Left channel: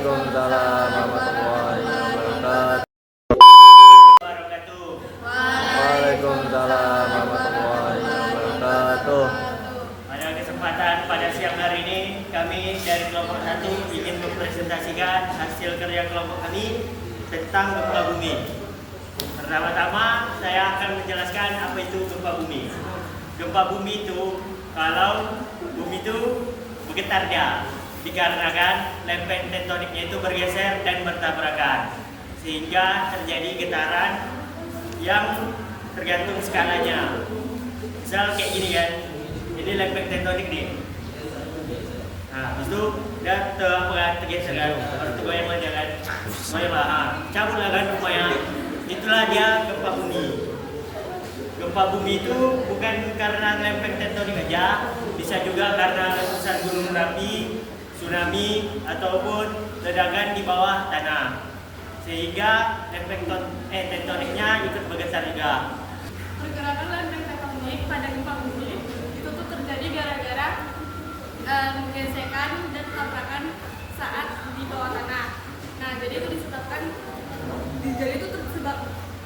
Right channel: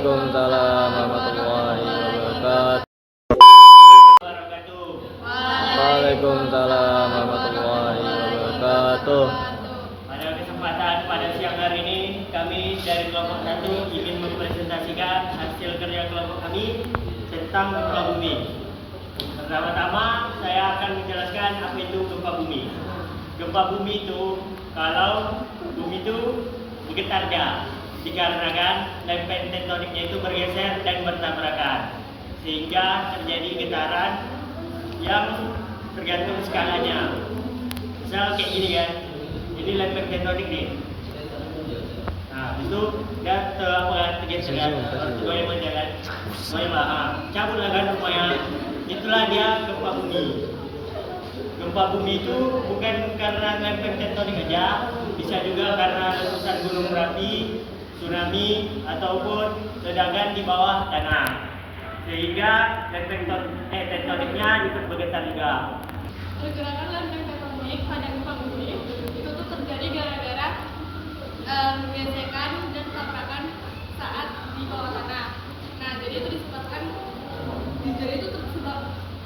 Waalaikumsalam warahmatullahi wabarakatuh. Waalaikumsalam warahmatullahi wabarakatuh. Pada kesempatan pada siang hari ini, kami dari kelompok 1 ingin mempresentasikan hasil kerja kelompok kami tentang gempa bumi. Pertama-tama saya akan menjelaskan apa itu gempa bumi. Gempa bumi itu kalau bumi itu bergetar dia, dikarenakan lempeng tektoniknya itu bergeser dan bertabrakan, sehingga terjadi getaran yang tergantung skalanya. Misal kayak gini kan, ini lempeng tektonik nih. Nah, itu udah tergeser kan, baru goyang aja kan, goyang lah, cabut lah kan rupanya. Itulah dia gempa bumi. Gempa bumi itu bukan karena lempeng tektonik aja, bisa juga karena letusan gunung berapi, tsunami, ataupun ledakan di bawah tanah, sehingga lempeng tektoniknya ikut bergetar juga. Pergerakan lempeng tektonik pada gempa bumi itu tuh terjadi gara-gara gesekan dan tabrakan saat di bawah tanah. Nah, jadi itu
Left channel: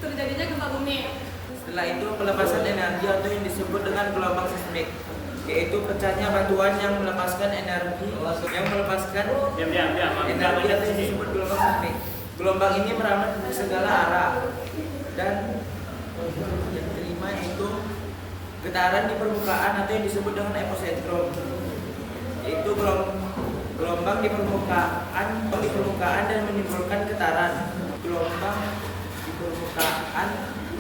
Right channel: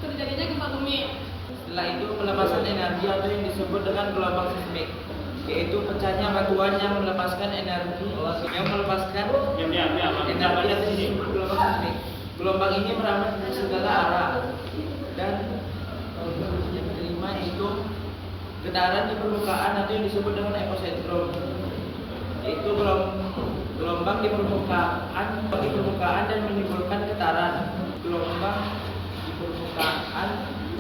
terjadinya gempa bumi. Setelah itu pelepasan energi atau yang disebut dengan gelombang seismik, yaitu pecahnya batuan yang melepaskan energi energi atau yang disebut gelombang seismik. Gelombang ini merambat ke segala arah dan yang kelima yaitu getaran di permukaan atau yang disebut dengan epicentrum, yaitu gelombang di permukaan dan menimbulkan getaran. Gelombang di permukaan,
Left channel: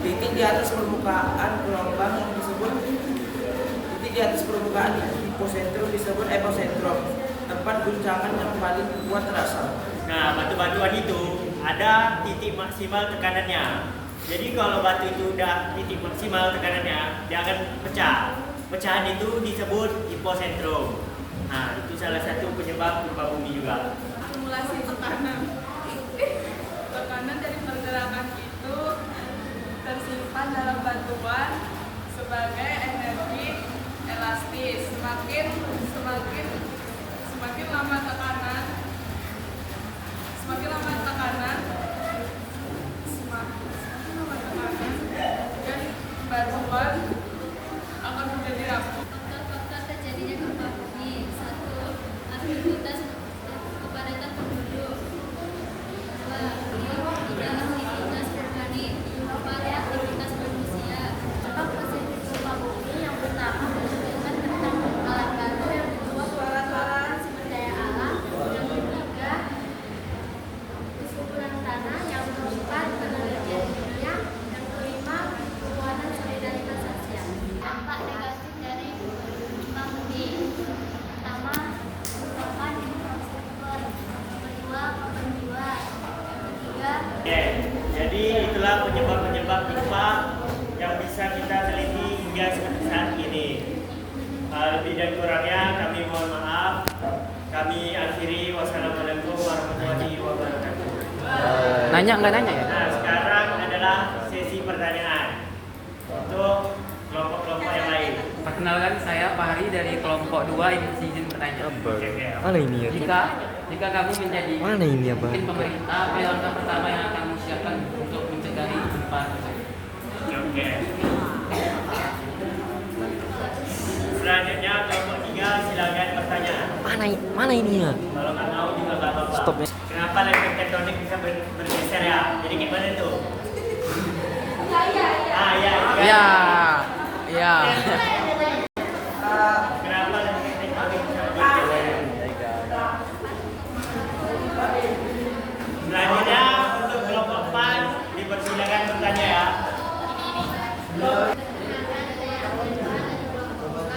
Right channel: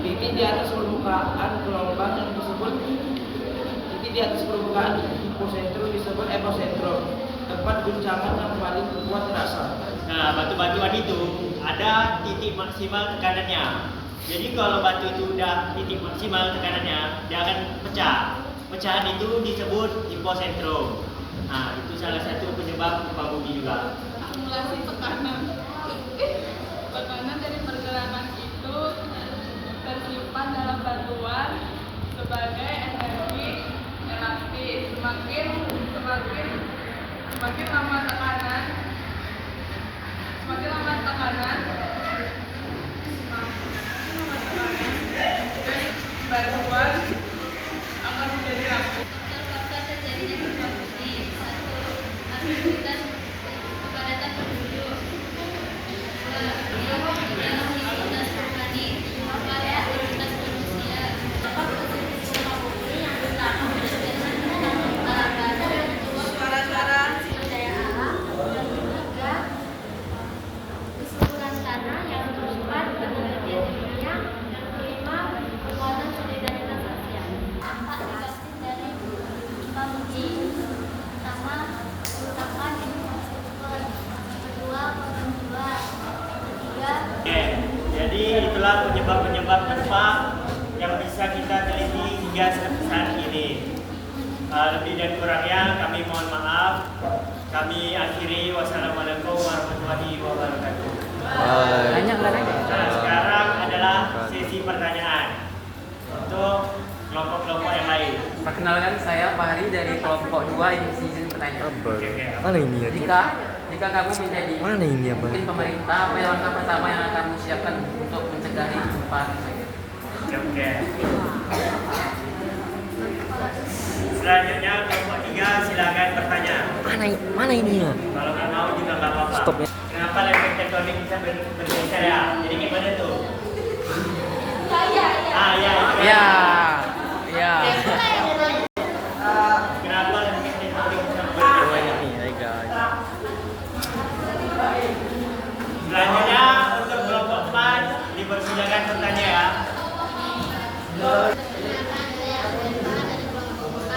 titik di atas permukaan gelombang yang disebut titik di atas permukaan hipocentrum disebut epicentrum, tempat guncangan yang paling kuat terasa. Nah, batu-batuan itu ada titik maksimal tekanannya. Jadi kalau batu itu udah titik maksimal tekanannya, dia akan pecah. Pecahan itu disebut hipocentrum. Nah, itu salah satu penyebab gempa bumi juga. Akumulasi tekanan dari pergerakan itu tersimpan dalam batuan sebagai energi elastis. Semakin lama tekanan dan batuan akan menjadi rapuh. Faktor-faktor terjadinya gempa bumi: 1. Aktivitas kepadatan penduduk. 2. Aktivitas vulkanik. 4. Aktivitas manusia. Gempa bumi yang pertama menunjukkan tentang alam baru, yang kedua suara-suara sumber daya alam, yang ketiga kesuburan tanah, yang keempat penelitian ilmiah, yang kelima kekuatan solidaritas sosial. Dampak negatif dari gempa bumi: pertama, kerusakan infrastruktur. Yang kedua, korban jiwa. Yang ketiga, Oke, jadi itulah penyebab-penyebab gempa yang bisa kita teliti hingga saat ini. Lebih dan kurangnya kami mohon maaf. Kami akhiri. Wassalamualaikum warahmatullahi wabarakatuh. Nanya nggak nanya? Nah, sekarang adalah sesi pertanyaan untuk kelompok-kelompok yang lain. Perkenalkan, saya Fahri dari kelompok 2 yang izin bertanya. Oke. Mana ini ya? Jika kamu menjadi Mana ini apa? mungkin pemerintah, apa yang langkah pertama yang akan disiapkan untuk mencegah gempa? Oke. Selanjutnya kelompok 3 silakan bertanya. Mana ini ya? Kalau nggak mau juga nggak apa-apa. Stop ya. Kenapa lempeng tektonik bisa bergeser ya? Jadi gimana tuh? Ya, itu kan. Ya. Kenapa lempeng tektonik bisa bergeser? Selanjutnya untuk kelompok 4 dipersilakan bertanya ya. perkenalkan, saya Alfa dari kelompok 4.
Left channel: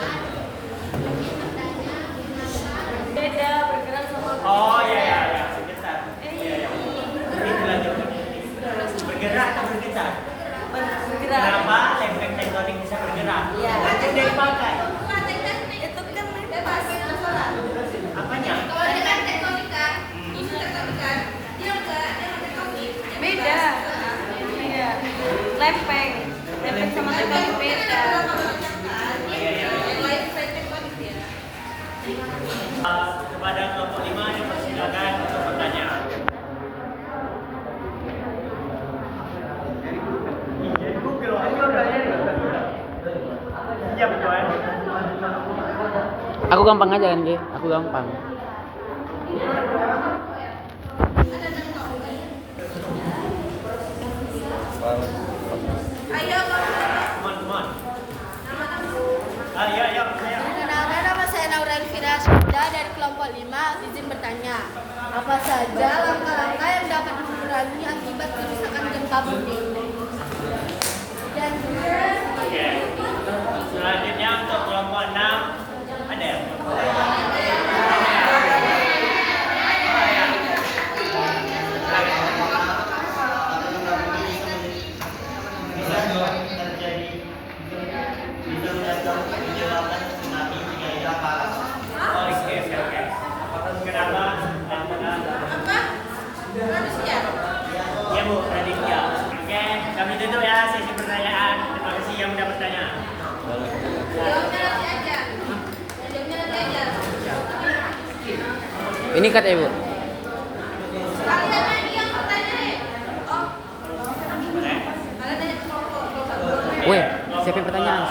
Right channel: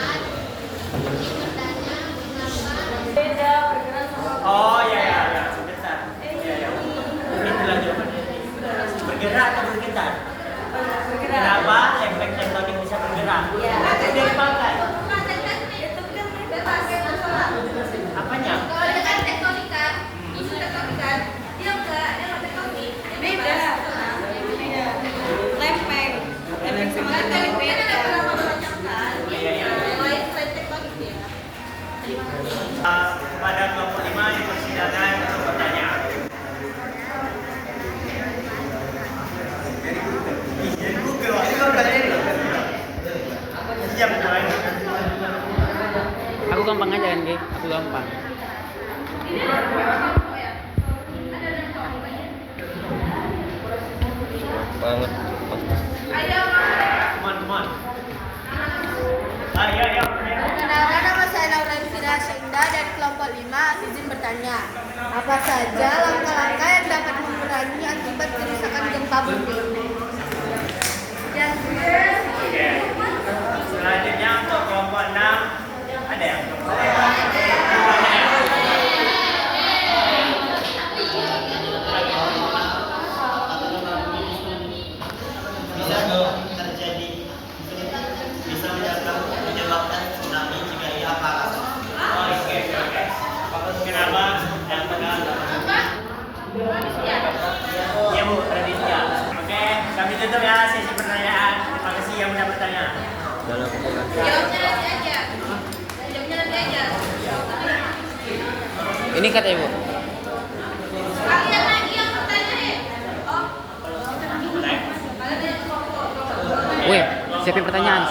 Ini bertanya kenapa Oh ya. Bergetar. Iya. Ini lanjut. Bergerak atau bergetar? Kenapa lempeng tektonik bisa bergerak? Itu dari pakai. Apanya? Kepada kelompok 5 dipersilakan untuk bertanya. gampang aja kan, Ge? Aku gampang. Come on. Ayo. Perkenalkan, nama saya Naura Elvira Syunda dari kelompok 5. Izin bertanya, apa saja langkah-langkah yang dapat mengurangi akibat kerusakan gempa bumi? Oke. Selanjutnya untuk kelompok 6 ada yang bisa menyebabkan tsunami jika ia panas. Oke. Kenapa? Ya Bu, Raditya. Oke, kami tutup ya sesi pertanyaan. Terima kasih yang sudah bertanya. Ini kata Ibu. Weh, siapin pertanyaan.